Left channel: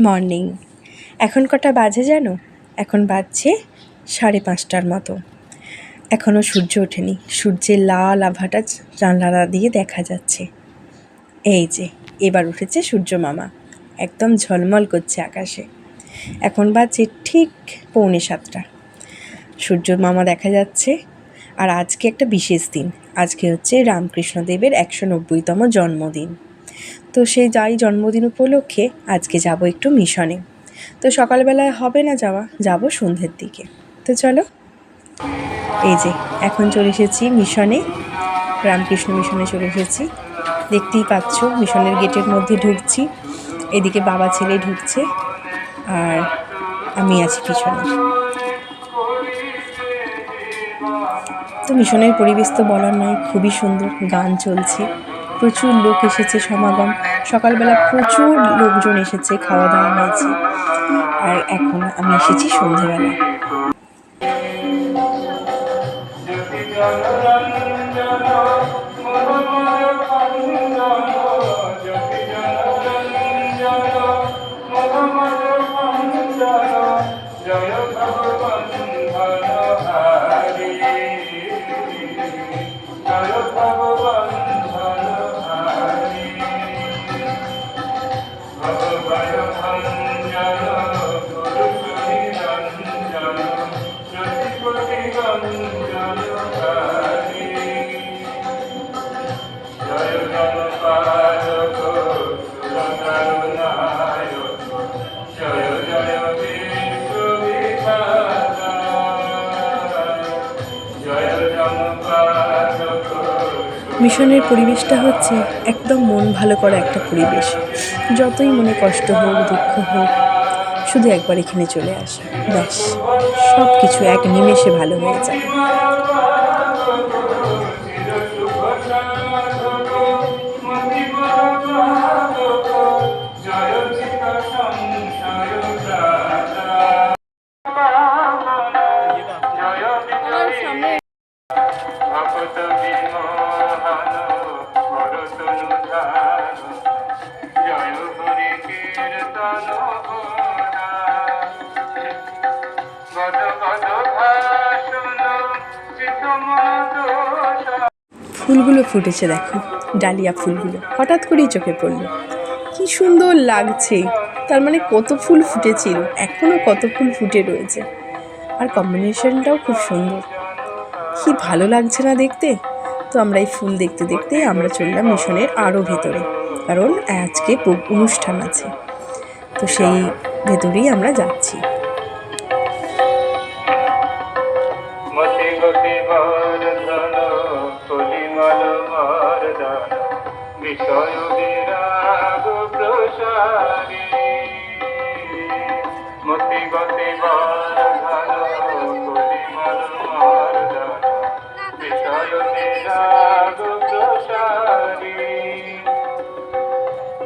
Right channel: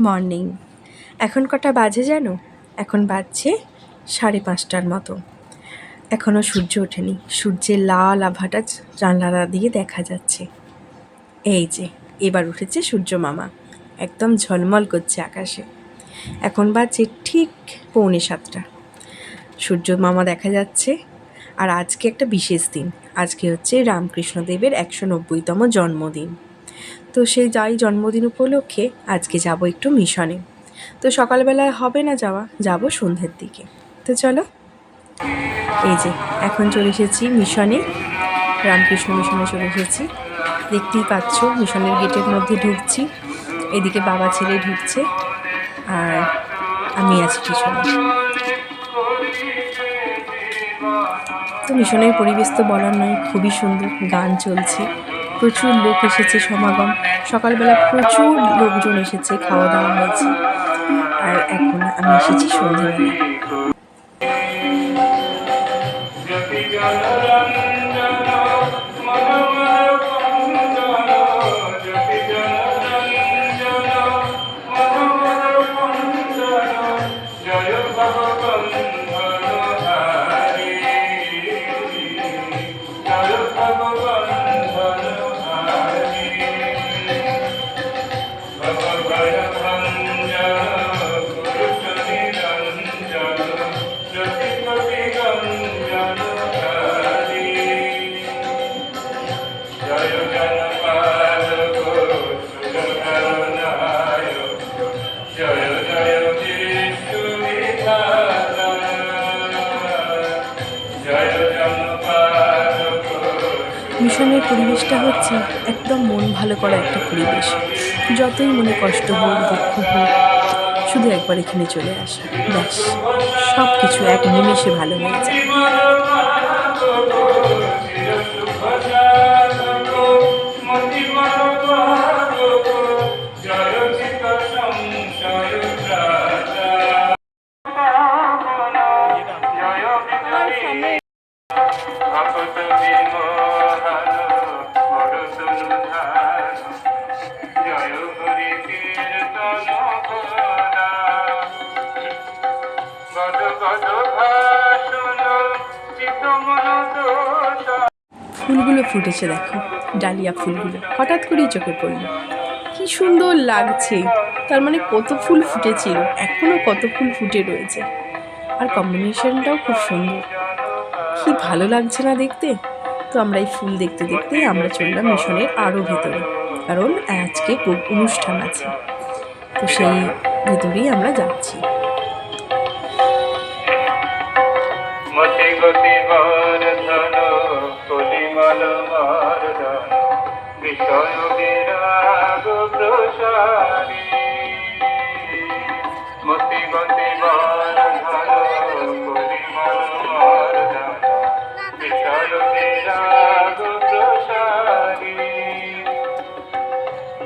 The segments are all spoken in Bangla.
মর্নিং। এখন কটা বাজে জানো? এখন বাজছে সাড়ে পাঁচটার মতো। এখনও সূর্য ওঠেনি। সূর্যের লাল আভাটা জানলা দিয়ে দেখা যাচ্ছে। এই যে, এবার উঠেছে সূর্য মামা। একদম ঝলমল করছে আকাশে। এখন বাজছে ঠিক পৌনে সাতটা। সূর্য মামা দেখা যাচ্ছে। আর আজকে একটা বিশেষ দিন। আজকে হচ্ছে রামকৃষ্ণদেবের একশো নব্বইতম জন্মদিন। তো সেই যাই জন্মদিন উপলক্ষে, আজকে যাব একটু মিশনে। তো সকালবেলায় হবে না যাওয়া, যাব সন্ধ্যের দিকে। তো চলো, এই যে এখন চলে এসেছি মিশনে, রামকৃষ্ণ মিশনে চলে এসেছি। দেখতেই পাচ্ছ, মিশনের গেটের মধ্যে ঢুকছি, এদিকে বাবা ছেলে ঢুকছে, আর আমি আছি পিছনে। তো মিশনের পরিবেশ তো বলার নয়, খুবই সুন্দর, গান চলছে। প্রচুর লোক এসেছে সমাগম। সকালবেলা প্রচুর লোকজন এসেছে, খাওয়া দাওয়া হয়েছে। আর এখন আমি এসেছি সন্ধেবেলা। মিশনের পরিবেশটা হচ্ছে একদম মন ভালো করা একটা পরিবেশ। যতই মনে কষ্ট হোক, দুঃখ হোক, শুধু একবার এখানে চলে আসা, ব্যাস সব কিছু এক নিমেষে ভালো হয়ে যায়। ফুলগুলো ফুটেছে, দেখো। ডালিয়া ফুলগুলো। হঠাৎ করেই চোখে পড়ল। কি সুন্দর লাগছে। তার মানে কত ফুল ফুটেছিল। এখনও কত ফুল ফুটে রয়েছে। আর কম্বিনেশনটাও খুব সুন্দর। কি ভালো লাগছে না দেখতে? তো আমরা এই ফুল দেখতে দেখতে আমরা চললাম মিশনের আরও ভেতরে। কারণ আজকে অনুষ্ঠান আছে। তো সেই ভেতরেই আমরা যাচ্ছি। মতি গতি বর্ধন পরিমল মর্দন বিষয় বিরাগ প্রসারী। মতি গতি পরিমল বিষয় ভেদাব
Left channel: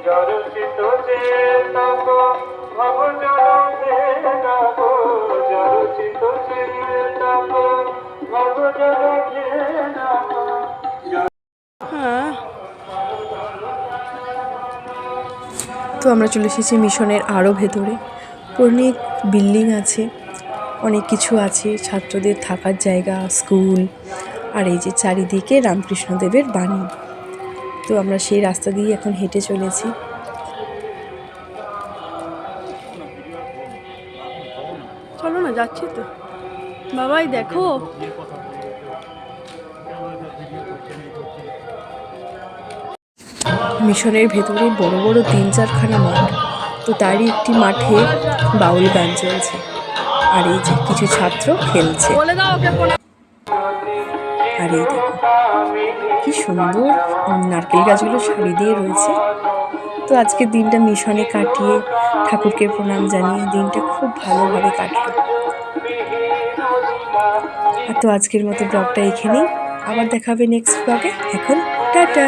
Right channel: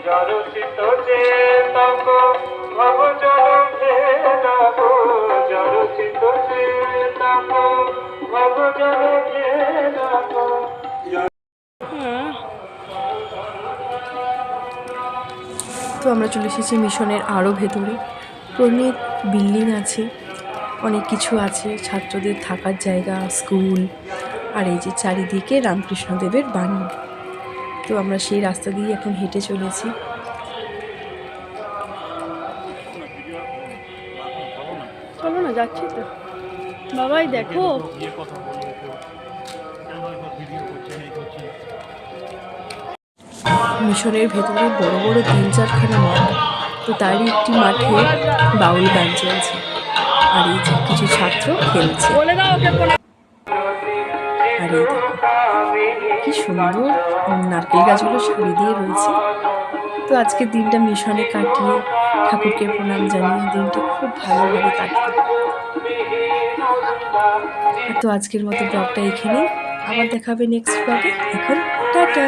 জরসিত চেতক ভব জল ভেদাব তো আমরা চলে এসেছি মিশনের আরও ভেতরে। অনেক বিল্ডিং আছে, অনেক কিছু আছে, ছাত্রদের থাকার জায়গা, স্কুল, আর এই যে চারিদিকে রামকৃষ্ণদেবের বাণী। তো আমরা সেই রাস্তা দিয়ে এখন হেঁটে চলেছি। চলো না, যাচ্ছি তো। বাবাই দেখো। মিশনের ভেতরে বড় বড় তিন চারখানা মাঠ তো তারই একটি মাঠে বাউল গান চলছে। আর এই যে কিছু ছাত্র খেলছে। আর এই দেখো কি সুন্দর নারকেল গাছগুলো সারি দিয়ে রয়েছে। তো আজকের দিনটা মিশনে কাটিয়ে ঠাকুরকে প্রণাম জানিয়ে দিনটা খুব ভালোভাবে কাটলো। তো আজকের মতো ব্লগটা এখানেই। আবার দেখাবে নেক্সট ব্লগে এখন টাটা।